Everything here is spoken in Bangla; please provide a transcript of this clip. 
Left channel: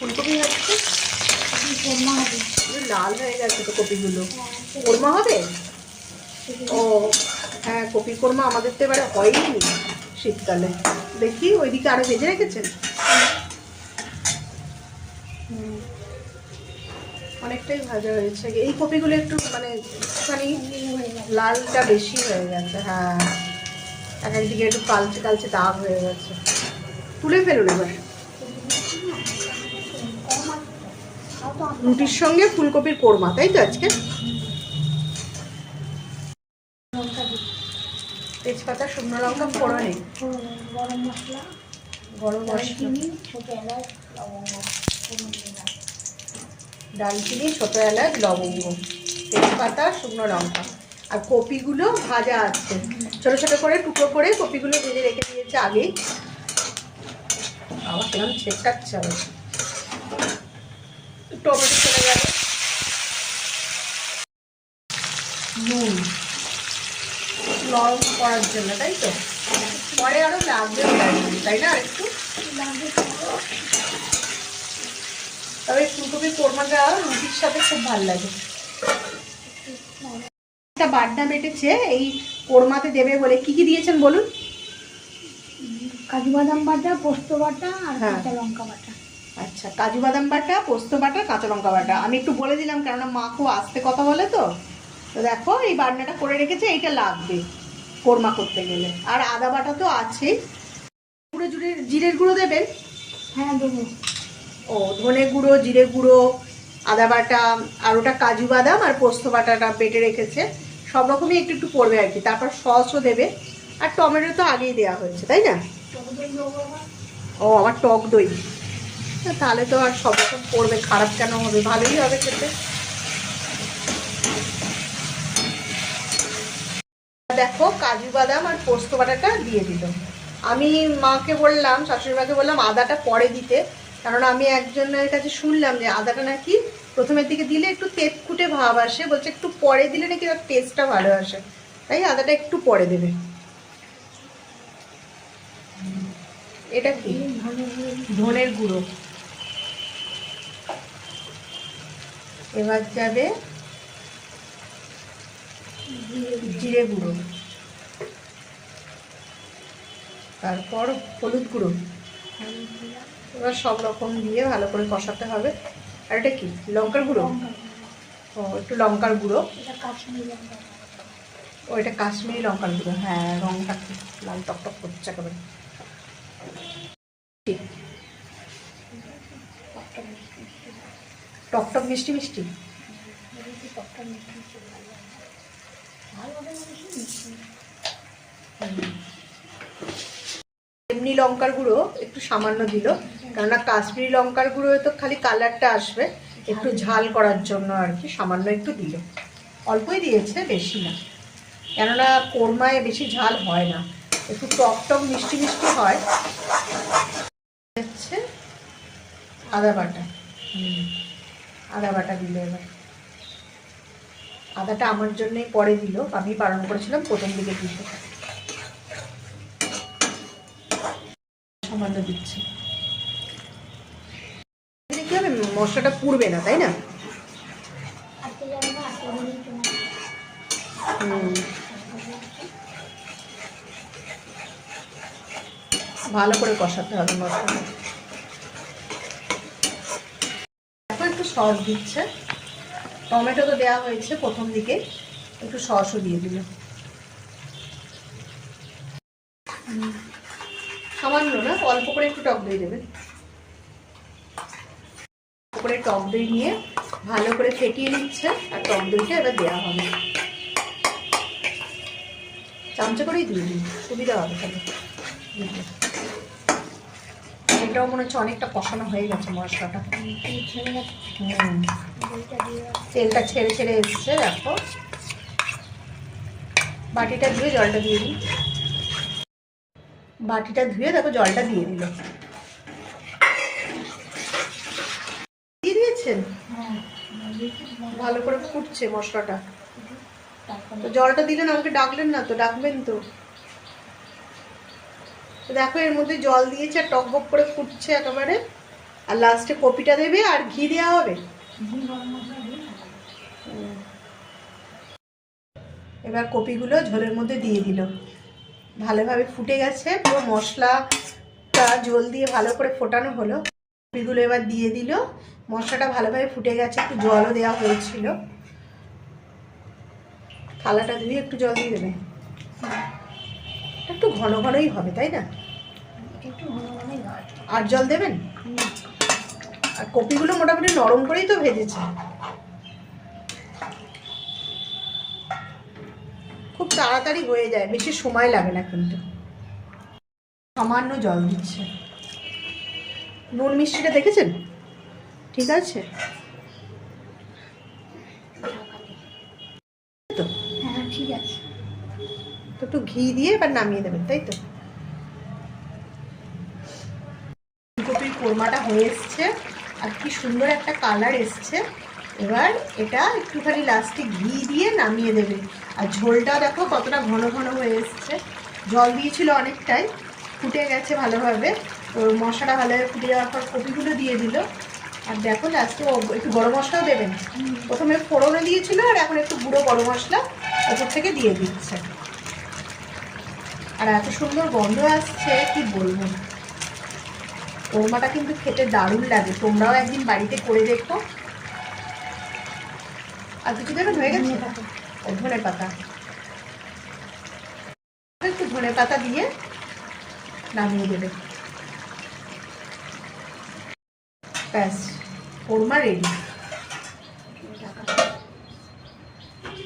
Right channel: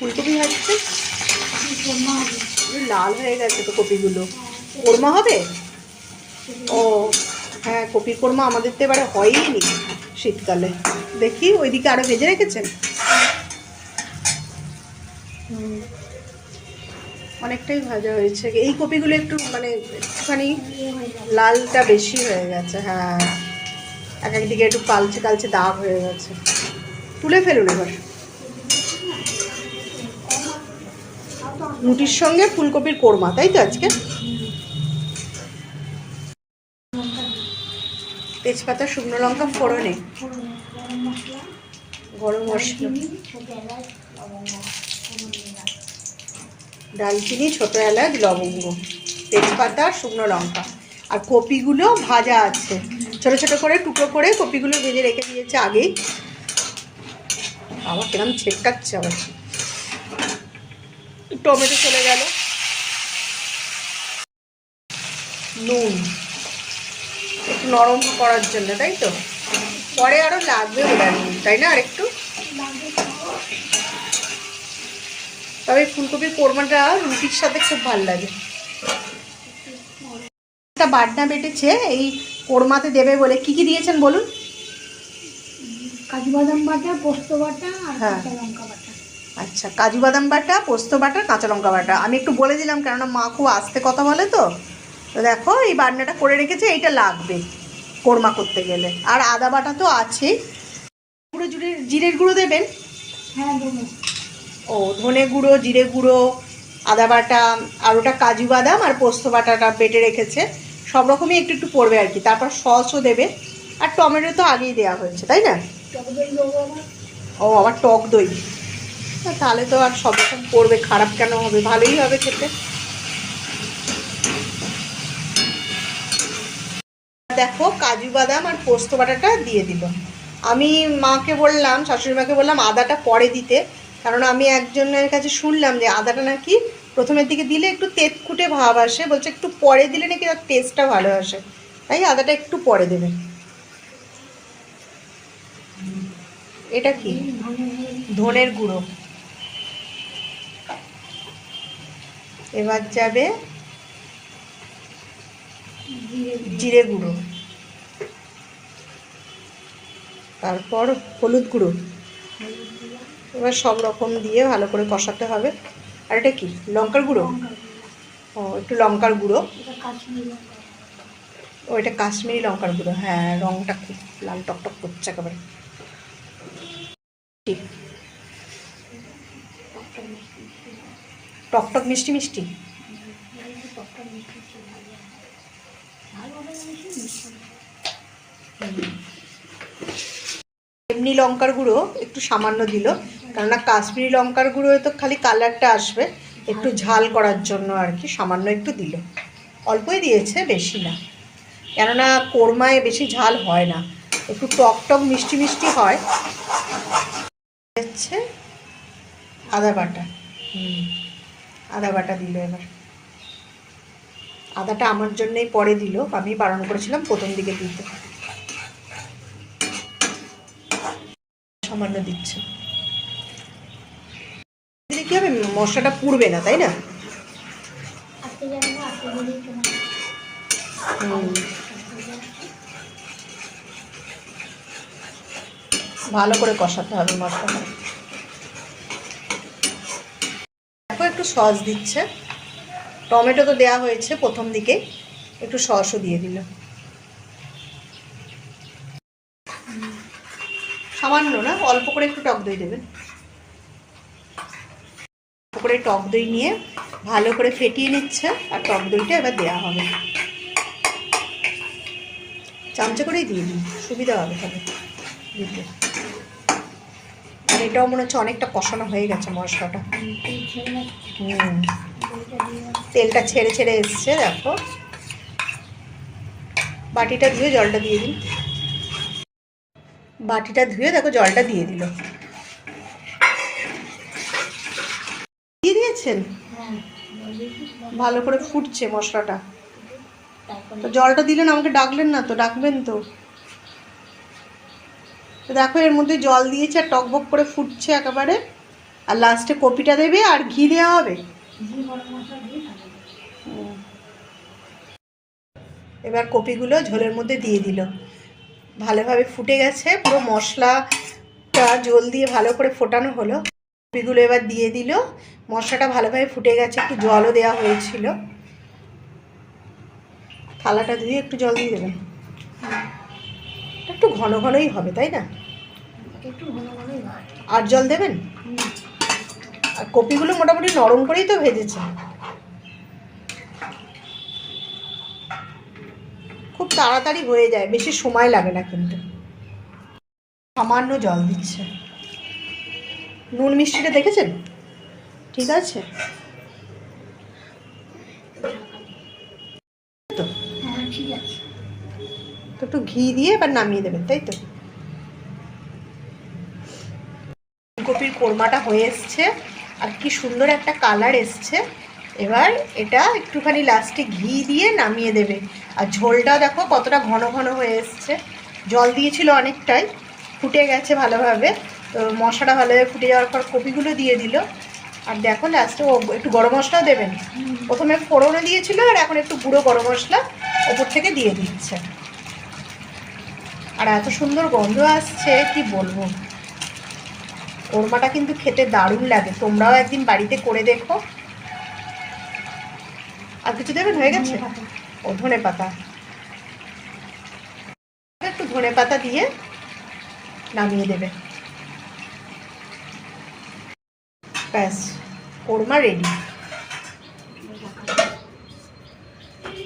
ফুলকপি হচ্ছে লাল হয়ে গেছে তো কপিগুলো। কোরমা হবে? ও হ্যাঁ, কপি কোরমা আমাদের তো এবারে হয়ই নি শীতকালে। দেখি ওইদিকে আরো ভেজে রেখেছেন। অনেকটাই ভাজা হয়েছে। এই কপিগুলো একটু মানে একটুখানি লালটা বেশি হয়ে গেছে। হ্যাঁ, এক একদিকে একটু কালচে কালচে দাগ হয়ে গেছে। তুলে ফেলুন এবার। রুটির সঙ্গে ফুলকপির কোরমা, তাই তো আজকে? তেজপাতা, শুকনো লঙ্কা ফোড়নে, গরম মশলা, ডালচিনি, ছোটো এলাচ, লবঙ্গ, তেজপাতা, শুকনো লঙ্কা। আর কপিগুলো ভাজা আছে, ছোটো ছোটো করে টুকরো করে কপিগুলো ভেজে রেখে দিয়েছে আগেই। আবার কিরম ছেটকাচ্ছে আবার। টমেটো চলে গেল, নুন নরম করার জন্য, তাই তো? পরে আরো লাগবে, তাই না? আরেকটু। তবে ফুলকপির কোরমাটা রুটির সাথে খুব ভালো লাগে। বাটনা বেটেছে এই কোরমাতে দেবে বলে। কি কি দিয়েছেন বলুন? কাজু বাদাম বাটা, পোস্ত বাটা আর কাঁচা লঙ্কা বাটা। আচ্ছা, কাজু বাদাম বাটা, পোস্ত বাটা, কাঁচা লঙ্কা বাটা। আমি একটু বলে দিলাম, কেননা মা খুব আস্তে কথা বলে তো। তো দেখো এই বাটনাটা করে রেখেছে, এইটা লাগবে কোরমা করতে গেলে। আর আদা বাটা তো আছে। গুঁড়ো জিরের গুঁড়ো দেবেন? হ্যাঁ দেবো। ও, ধনে গুঁড়ো, জিরে গুঁড়ো, আদা বাটা, আর ওটা কাজু বাদাম আর পোস্ত বাটাটা বেটে রেখেছে। সব রকমই একটু একটু পড়বে আর কি। তারপর সসও দেবে। আর টমেটো তো আগেই দেওয়া হয়েছে, তাই না? ও, আবার টক দই। তাহলে তো আর সব রকম পড়বে, খারাপ কেন হবে? ভালোই হবে খেতে। দেখো কাজু বাদাম আর পোস্ত বাটাটা দিয়ে দিল। আমি মাকে বললাম, শাশুড়ি মাকে বললাম আদাটা পরে দিতে, কারণ আমি একজনের কাছে শুনলাম যে আদাটা নাকি প্রথমের দিকে দিলে একটু তেতকুটে ভাব আসে, বলছে একটু পরে দিলে নাকি তার টেস্টটা ভালো আসে, তাই আদাটা একটু পরে দেবে। এটা কি? ধনের গুঁড়ো। এবার যাবে জিরে গুঁড়ো, তারপর হলুদ গুঁড়ো। এবার সব রকম দিয়ে ভালো করে কষাতে হবে। আর এটা কি? লঙ্কার গুঁড়ো। ও, একটু লঙ্কার গুঁড়ো। ও, এটা কাশ্মীরি লঙ্কার গুঁড়ো। হ্যাঁ, রঙটা খুব লাল টকটক করছে একেবারে। টকটক মিষ্টি মিষ্টি। এমনি লঙ্কার গুঁড়ো একটু সামান্য দিল, কেননা কাশ্মীরি লঙ্কার গুঁড়ো তো খালি কালারটা আসবে, একটু ঝাল করার জন্য আর কি সামান্য একটু দিল। অল্পই দিয়েছে, বেশি না, কেননা কোরমায় বেশি ঝাল হয় না, একটু টক টক মিষ্টি মিষ্টি হয়। হচ্ছে আদা বাটা। আদা বাটা দিল এবার। আদাটা আমার জন্যই পরে দিল, আমি বারণ করেছিলাম প্রথম দিকে দিতে। সামান্য দিচ্ছে। কি হবে, মশলাটা পুড়বে না, তাই না? ভালো করে কষাতে হবে মশলাটা। দেখো একটু সস দিচ্ছে। টমেটো তো দেওয়া হয়েছে প্রথম দিকে, একটু সসও দিয়ে দিল সামান্য, না অল্প করে একটু টক দই দেবেন। করে টক দই নিয়ে ভালো করে ফেটিয়ে নিচ্ছে, আর টক দইটা এবার দেওয়া হবে। চামচা করেই দিয়ে দিন, সুবিধা হবে তাহলে। এটাও মনে হচ্ছে অনেকটা কষানো হয়ে গেছে মশলাটা। তেলটা ছেড়ে ছেড়ে এসছে। দেখো বাটিটা ধুয়ে জলটা দিয়ে দিন। বাটিটা ধুয়ে দেখো জলটা দিয়ে দিল। দিয়ে দিয়েছেন? ভালো করে ফুটছে মশলাটা। তো জলটা দিলেন, আমাকে ডাকলেন না তো? ডাকবেন তো। দেখো এর মধ্যে জল দিয়েছে আর টকবক করে ফুটছে একেবারে। আর লাস্টে কপিটা দেবে আর ঘি দেওয়া হবে। এবার কপিগুলো ঝোলের মধ্যে দিয়ে দিল, ভালোভাবে ফুটে গেছে, পুরো মশলাটা ঝোল দিয়ে ভালো করে ফোটানো হলো। কপিগুলো এবার দিয়ে দিল, মশলাটা ভালোভাবে ফুটে গেছে, একটু জলও দেওয়া হয়েছিল। থালাটা ধুয়ে একটু জল দিয়ে দেবেন, একটু ঘন ঘনই হবে তাই না? একটু ঘন ঘনই হয়। আর জল দেবেন? আর কপিগুলো মোটামুটি নরম করেই তো ভেজেছে, খুব তাড়াতাড়ি হয়ে যায়, বেশি সময় লাগে না কিন্তু। সামান্য জল দিচ্ছে। নুন মিষ্টিটা দেখেছেন? ঠিক আছে তো? হ্যাঁ ঠিক আছে। তো একটু ঘি দিয়ে এবার নামিয়ে দেবেন, তাই তো? ফুলকপির কোরমাটা হয়ে এসছে, আর কি সুন্দর একটা কালার এসছে। এবার এটা একটুখানি লাস্টে ঘি দিয়ে নামিয়ে দেবে। আর ঝোলটা দেখো কতটা ঘন ঘন হয়ে এসছে, জল দিয়েছিল অনেকটাই, ফুটে গেছে ভালোভাবে। তো মশলাটা ভালোভাবে ফুটে যাওয়ার পর কপিগুলো দিয়ে দিল। আর দেখো লাস্টে একটু গরম মশলাও দেবেন, প্রথমে ফোড়নে দিয়েছিল আর এখন একটু গুঁড়ো গরম মশলা ওপর থেকে দিয়ে দিচ্ছে। আর এত সুন্দর গন্ধ আসছে কি বলবো। কোরমাটা কিন্তু খেতে দারুণ লাগে, তোমরাও একদিন বাড়িতে করে দেখো। আর কিছু দেবেন? হয়ে গেছে। ও ধনে পাতা, একটু ধনে পাতা দিয়ে নামিয়ে দেবে, ব্যাস কোরমা রেডি।